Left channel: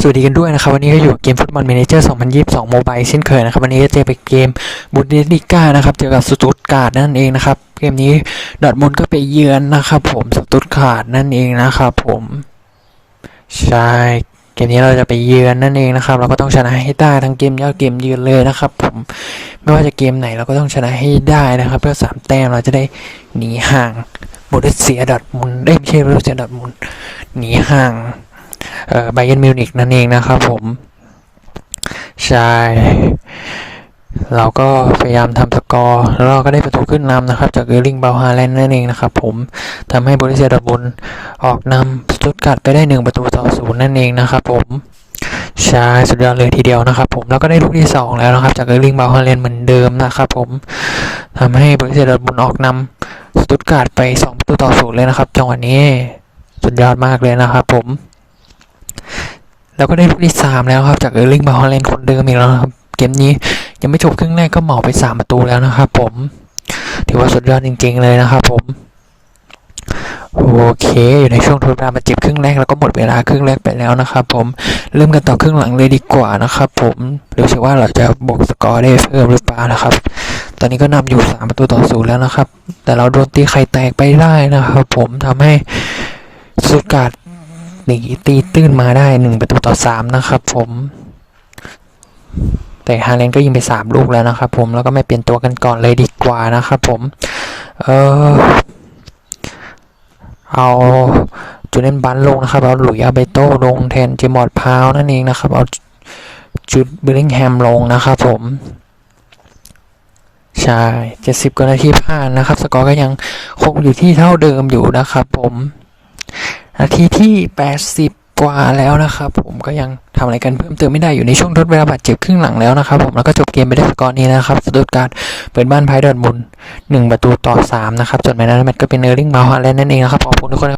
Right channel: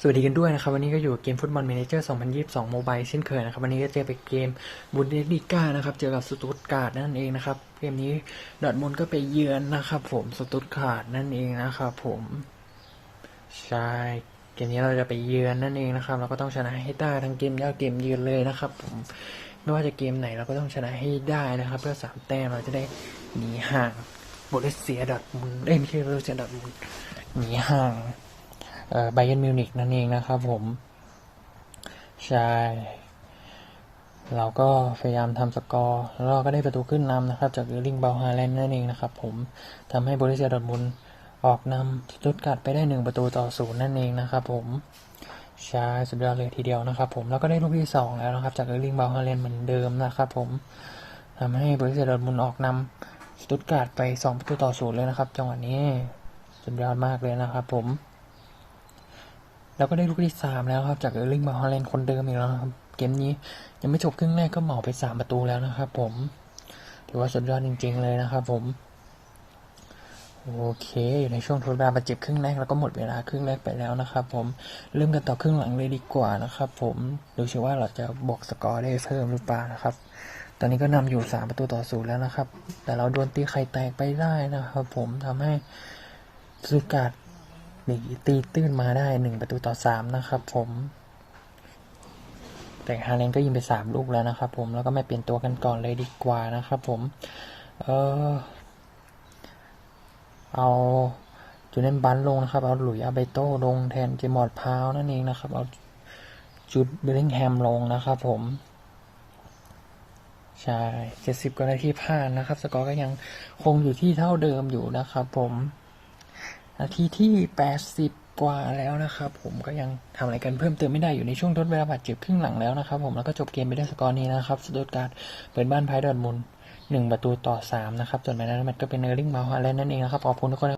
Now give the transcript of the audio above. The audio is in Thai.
สวัสดีกันด้วยนะครับ วันนี้ก็อยู่เกมฟุตบอล m ม n เจอร์ 2022 โมบายเช่นเคยนะครับ วันนี้ก็เจอไปเกมบุนเดสลิก้านะครับ เจอกับสตุตการ์ดนั่นเองนะครับ เกมนี้ดอทมุนก็ไปเยือนนะครับผมสตุตการ์ดนั่นเองนะครับผมใช่เกมนี้เราจะไปเยือนนั่นเองนะครับ เราก็ต้องชนะให้ได้ทั้งเกมเยือนเกมเยือนเลยนะครับ ผมไม่ว่าจะเกมไหนเราก็ต้องชนะให้ได้นะครับ เพื่อสามแต้มเราจะได้หนีห่างโบเดสเซียดอทมุนได้ไม่ใช่โบเดสเซียดอทมุนหนีห่าง ไบเยนมิวนิกนั่นเองนะครับผม ใช่เราก็พยายามทำสกอร์ แล้วเราก็ได้ประตูขึ้นนำนะครับ จากเออร์ลิงเบลฮาแลนด์นั่นเองนะครับผมทำให้บริเซียดอร์ทมุนออกนำสตุตการ์ดไปได้หนึ่งประตูต่อศูนย์นั่นเองนะครับผมใช่สุดยอดเลยทีเดียวนะครับผมแล้วก็ได้ลูกที่สองแล้วนะครับ จากเออร์ลิงเบลฮาแลนด์เหมือนเดิมนะครับผมทำให้บริเซียดอร์ทมุนออกนำสตุตการ์ดไปสองประตูต่อศูนย์เลยนะครับ จังหวะนี้สุดยอดมากเลยนะครับผม แล้วก็ได้ลูกที่สามแล้วครับจากเออร์ลิงบาฮอลแลนด์คนเดิมอีกแล้วครับ เกมนี้ยังไม่จบครึ่งแรกก็เหมาไปสามประตูแล้วนะครับผม ถือว่าสุดยอดจริง ๆ เลยนะครับผม โอเค อยู่ในช่วงทดเวลาบาเจ็บครึ่งแรกแล้วก็หมดเวลาครึ่งแรกไปแล้วนะครับผม เริ่มกันต่อครึ่งหลังเลยดีกว่านะครับผมดูสิว่าเราจะบวกสกอร์ได้เพิ่มหรือเปล่านะครับ ตอนนี้ก็นำอยู่สามประตูต่อศูนย์แล้วนะครับ แต่เราโดนตีไข่แตกไปได้นะครับ ผมทำให้สุดการ หนีตีตื้นมาได้หนึ่งประตูต่อสามนะครับผมแต่ฮาเลนก็ยิงไปสามลูกแล้วนะครับผมแล้วก็ไม่เปลี่ยนตัวกันก่อนเลยดีกว่านะครับผม เออเอาจูเนนบันลงนะครับ เอาหลุยส์อาเบโต้ลงแทนเจมอร์ดพาวนั่นเองนะครับ เอาจูดเบลลิงแฮมลงนะครับผม ใช่เจ็ดสิบกว่านาทีผ่านนะครับ สกอร์ก็ยังคงอยู่ที่เท่าเดิมอยู่นะครับผม นาทีที่ 80 กว่าแล้วนะครับ ผมก็ยังทำอะไรกันเพิ่มเติมไม่ได้อยู่ในช่วงทดเวลาบาดเจ็บครึ่งหลังแล้วนะครับ ผมแล้วก็จบเกมไปได้สกอร์นี้นะครับสตุตการ์ดเปิดบ้านไพ่ดอร์ทมุนหนึ่งประตูต่อ 3 นะครับจนแม้นั้นแมตช์ก็เป็นเออร์ลิงมาฮาแลนด์นั่นเองนะครับขอบคุณทุกคนครับ